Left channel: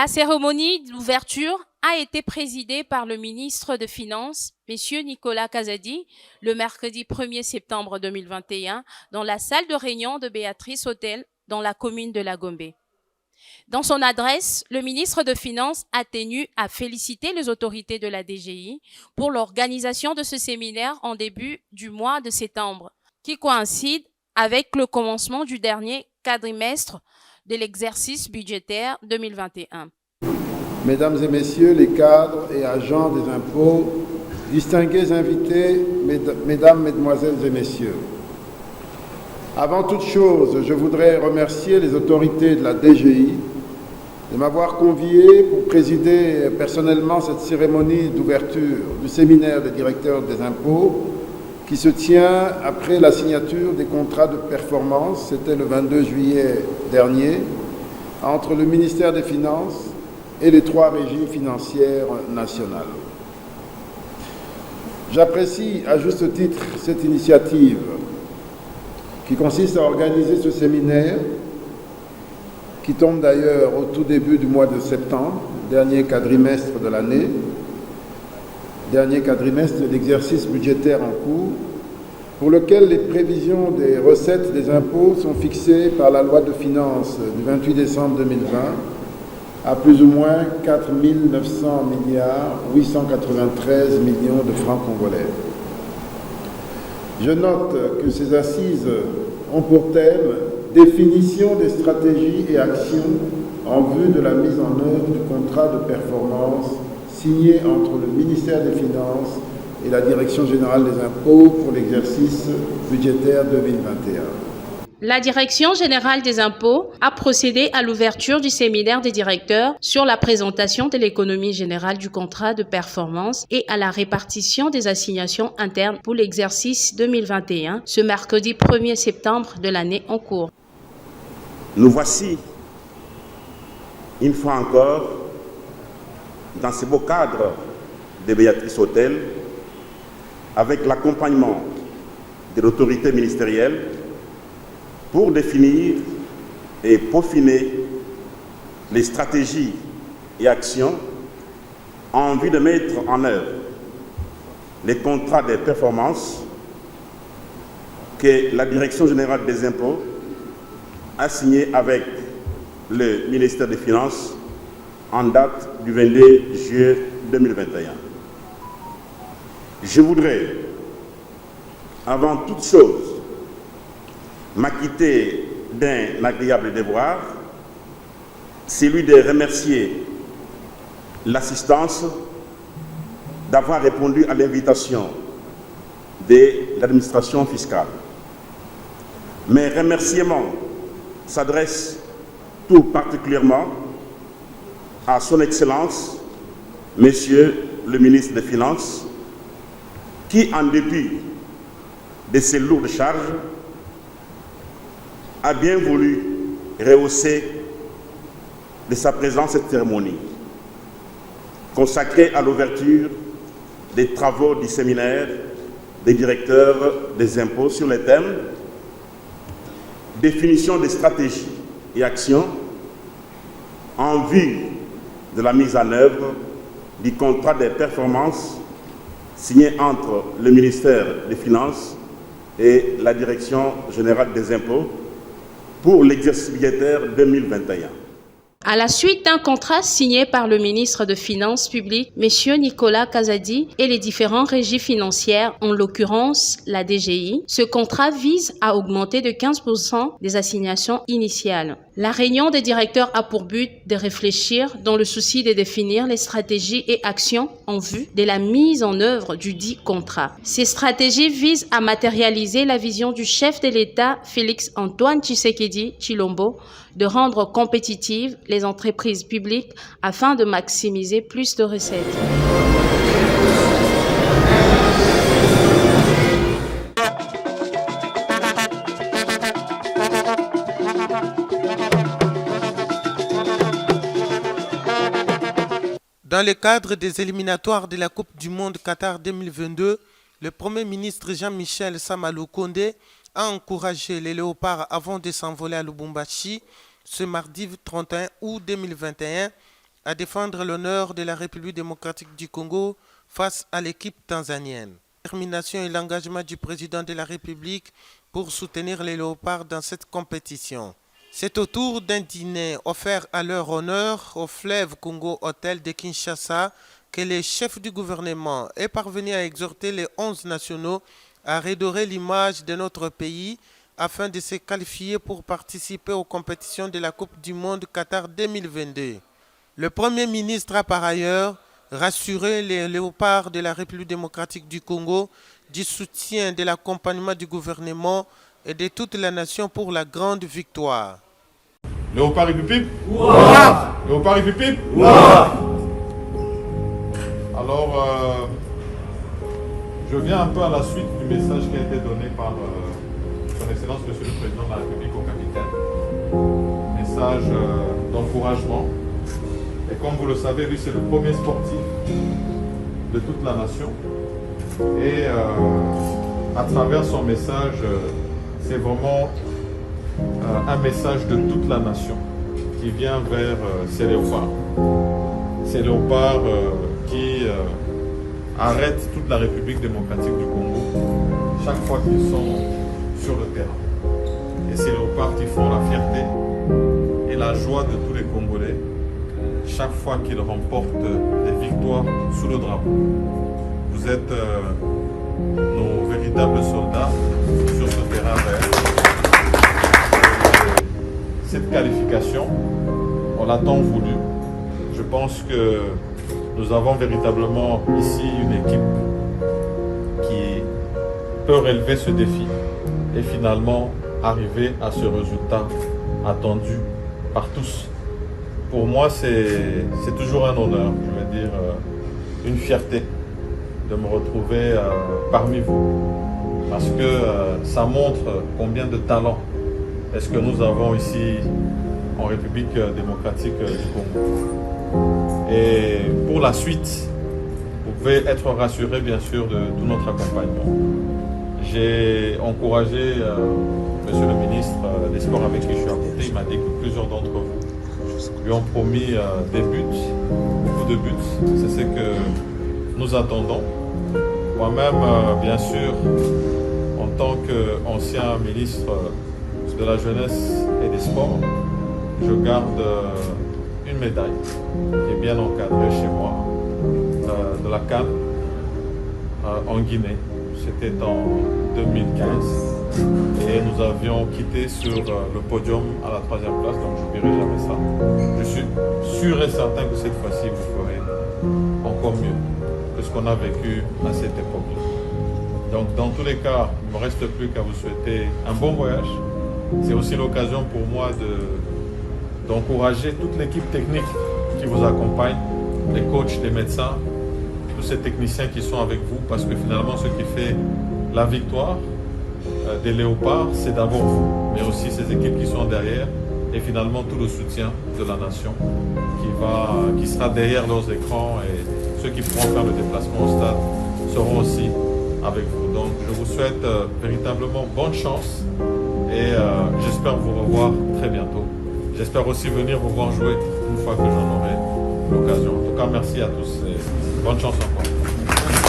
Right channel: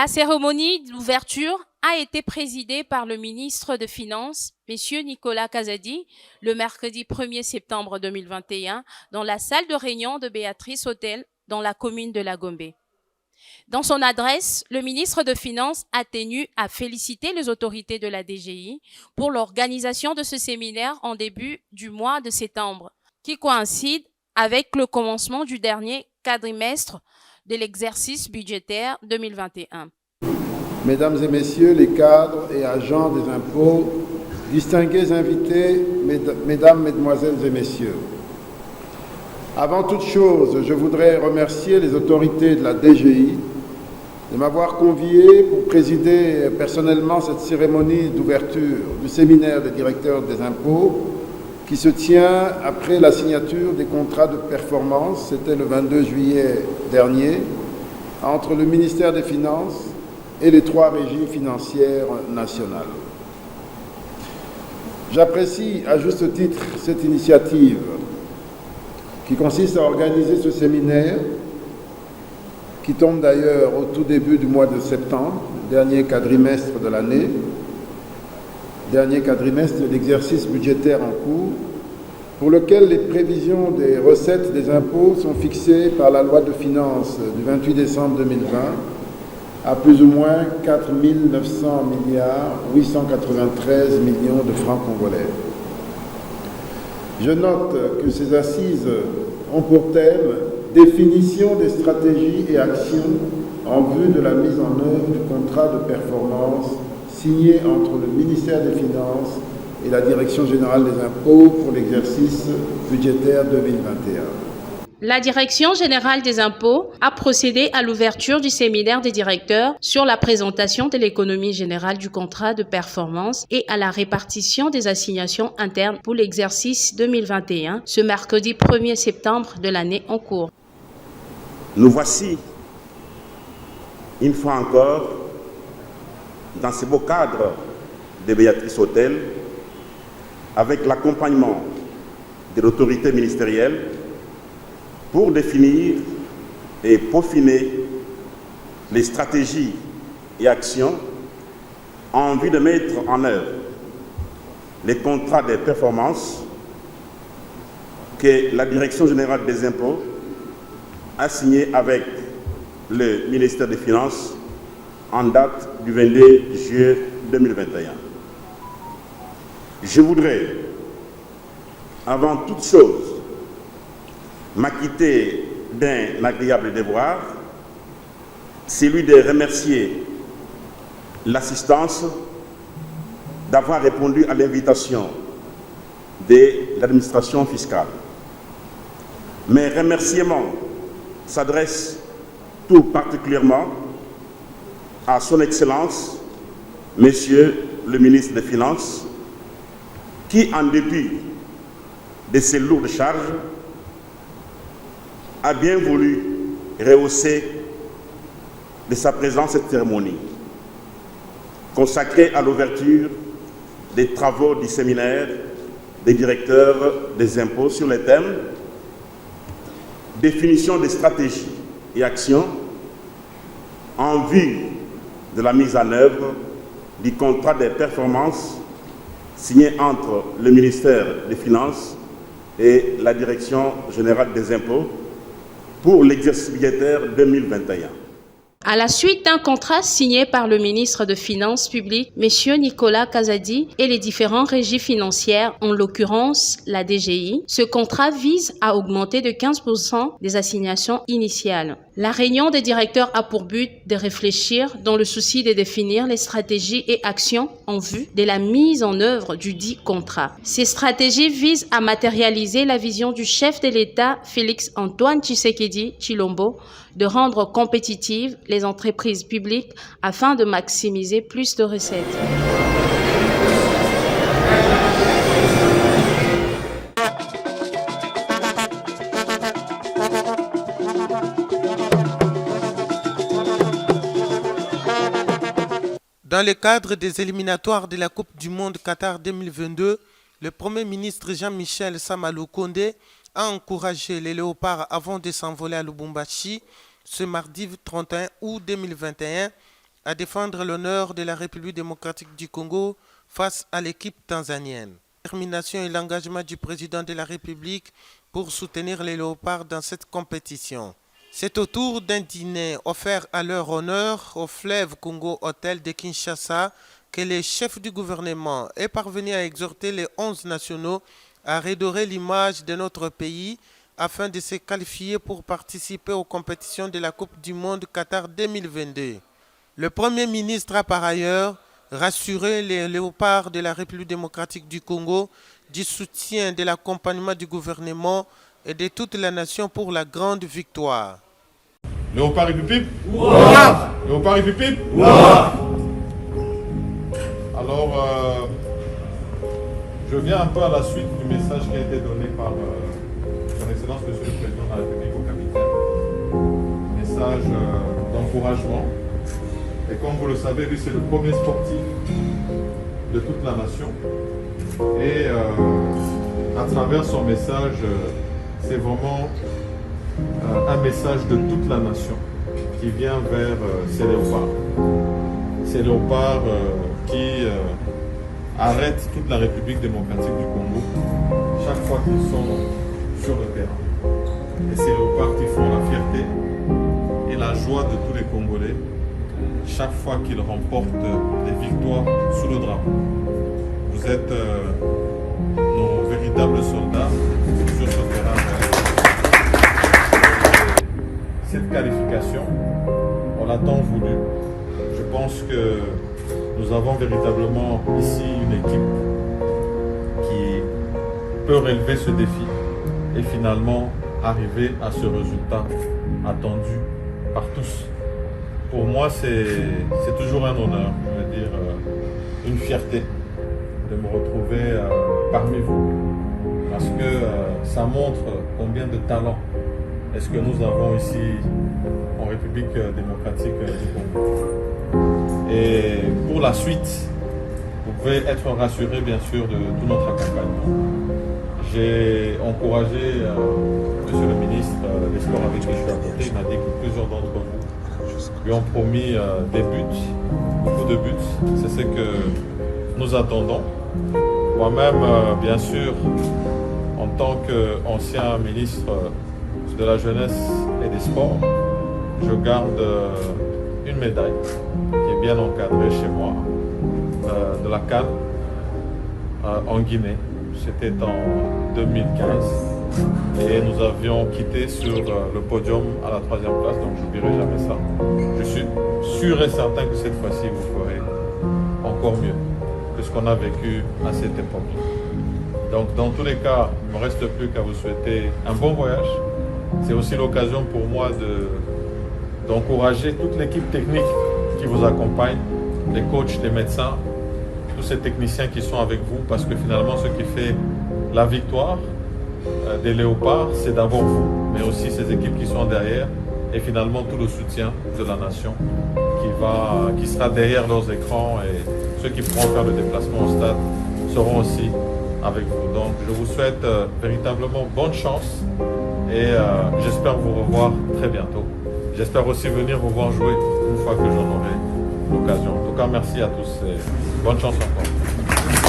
La cérémonie d'ouverture a été présidée par le ministre des Finances, M. Nicolas Kazadi, le mercredi 1er septembre 2021, dans la salle de réunion de Béatrice Hôtel, dans la commune de La Gombe. Dans son adresse, le ministre des Finances a tenu à féliciter les autorités de la DGI pour l'organisation de ce séminaire en début du mois de septembre, qui coïncide avec le commencement du dernier quadrimestre de l'exercice budgétaire 2021. Mesdames et messieurs les cadres et agents des impôts, distingués invités, mesdames, mesdemoiselles et messieurs, avant toute chose, je voudrais remercier les autorités de la DGI de m'avoir convié pour présider personnellement cette cérémonie d'ouverture du séminaire des directeurs des impôts qui se tient après la signature des contrats de performance, c'était le 22 juillet dernier, entre le ministère des Finances et les 3 régies financières nationales. J'apprécie à juste titre cette initiative qui consiste à organiser ce séminaire, qui tombe d'ailleurs au tout début du mois de septembre, dernier quadrimestre de l'année, dernier quadrimestre de l'exercice budgétaire en cours, pour lequel les prévisions des recettes des impôts sont fixées par la loi de finances du 28 décembre 2020 à plus ou moins 4 900 milliards 893 millions de francs congolais. Je note que ces assises ont pour thème définition des stratégies et actions en vue de la mise en œuvre du contrat de performance signé entre le ministère des Finances et la Direction générale des impôts pour l'exercice budgétaire 2021. La Direction générale des impôts a procédé à l'ouverture du séminaire des directeurs sur la présentation de l'économie générale du contrat de performance et à la répartition des assignations internes pour l'exercice 2021, ce mercredi 1er septembre de l'année en cours. Nous voici, une fois encore, dans ce beau cadre de Béatrice Hôtel, avec l'accompagnement de l'autorité ministérielle, pour définir et peaufiner les stratégies et actions en vue de mettre en œuvre les contrats de performance que la Direction générale des impôts a signés avec le ministère des Finances en date du 22 juillet 2021. Je voudrais, avant toute chose, m'acquitter d'un agréable devoir, celui de remercier l'assistance d'avoir répondu à l'invitation de l'administration fiscale. Mes remerciements s'adressent tout particulièrement à son Excellence, Monsieur le ministre des Finances, qui, en dépit de ses lourdes charges, a bien voulu rehausser de sa présence cette cérémonie, consacrée à l'ouverture des travaux du séminaire des directeurs des impôts sur les thèmes définition des stratégies et actions en vue de la mise en œuvre du contrat de performance signé entre le ministère des Finances et la Direction générale des impôts pour l'exercice budgétaire 2021. À la suite d'un contrat signé par le ministre des Finances publiques, M. Nicolas Kazadi, et les différentes régies financières, en l'occurrence la DGI, ce contrat vise à augmenter de 15% des assignations initiales. La réunion des directeurs a pour but de réfléchir dans le souci de définir les stratégies et actions en vue de la mise en œuvre du dit contrat. Ces stratégies visent à matérialiser la vision du chef de l'État, Félix Antoine Tshisekedi Tshilombo, de rendre compétitives les entreprises publiques afin de maximiser plus de recettes. Dans le cadre des éliminatoires de la Coupe du Monde Qatar 2022, le Premier ministre Jean-Michel Sama Lukonde a encouragé les léopards avant de s'envoler à Lubumbashi ce mardi 31 août 2021 à défendre l'honneur de la République démocratique du Congo face à l'équipe tanzanienne. La détermination et l'engagement du président de la République pour soutenir les Léopards dans cette compétition. C'est autour d'un dîner offert à leur honneur au Fleuve Congo Hôtel de Kinshasa que le chef du gouvernement est parvenu à exhorter les 11 nationaux à redorer l'image de notre pays afin de se qualifier pour participer aux compétitions de la Coupe du Monde Qatar 2022. Le Premier ministre a par ailleurs rassuré les Léopards de la République démocratique du Congo du soutien de l'accompagnement du gouvernement et de toute la nation pour la grande victoire. Léopard République. Léopard République. Alors, je viens un peu à la suite du message qui a été donné par son Excellence Monsieur le Président de la République au capitaine. Message d'encouragement. Et comme vous le savez, lui c'est le premier sportif de toute la nation. Et à travers son message, c'est vraiment un message de toute la nation qui vient vers ces léopards. Ces léopards qui arrêtent toute la République démocratique du Congo chaque fois qu'ils sont sur le terrain. Et ces léopards qui font la fierté et la joie de tous les Congolais chaque fois qu'ils remportent des victoires sous le drapeau. Vous êtes nos véritables soldats sur ce terrain vert. Cette qualification, on l'a tant voulu. Je pense que nous avons véritablement ici une équipe qui peut relever ce défi et finalement arriver à ce résultat attendu par tous. Pour moi, c'est toujours un honneur, je veux dire, une fierté de me retrouver parmi vous. Parce que ça montre combien de talent est-ce que nous avons ici en République démocratique du Congo. Et pour la suite, vous pouvez être rassurés bien sûr de tout notre accompagnement. J'ai encouragé Monsieur le ministre des Sports avec qui je suis à côté. Il m'a dit que plusieurs d'entre vous lui ont promis des buts, beaucoup de buts. C'est ce que nous attendons. Moi-même, bien sûr, en tant qu'ancien ministre de la Jeunesse et des Sports, je garde une médaille qui est bien encadrée chez moi, de la CAN en Guinée. C'était en 2015 et nous avions quitté sur le podium à la 3e place, donc je n'oublierai jamais ça. Je suis sûr et certain que cette fois-ci vous ferez encore mieux que ce qu'on a vécu à cette époque-là. Donc dans tous les cas, il ne me reste plus qu'à vous souhaiter un bon voyage. C'est aussi l'occasion pour moi d'encourager toute l'équipe technique qui vous accompagne, les coachs, les médecins, tous ces techniciens qui sont avec vous, parce que finalement ce qui fait la victoire des Léopards, c'est d'abord vous, mais aussi ces équipes qui sont derrière et finalement tout le soutien de la nation qui sera derrière leurs écrans, et ceux qui pourront faire le déplacement au stade seront aussi avec vous. Donc je vous souhaite véritablement bonne chance et j'espère vous revoir très bientôt. J'espère aussi venir vous voir jouer une fois que j'en aurai l'occasion. En tout cas, merci à tous et bonne chance encore.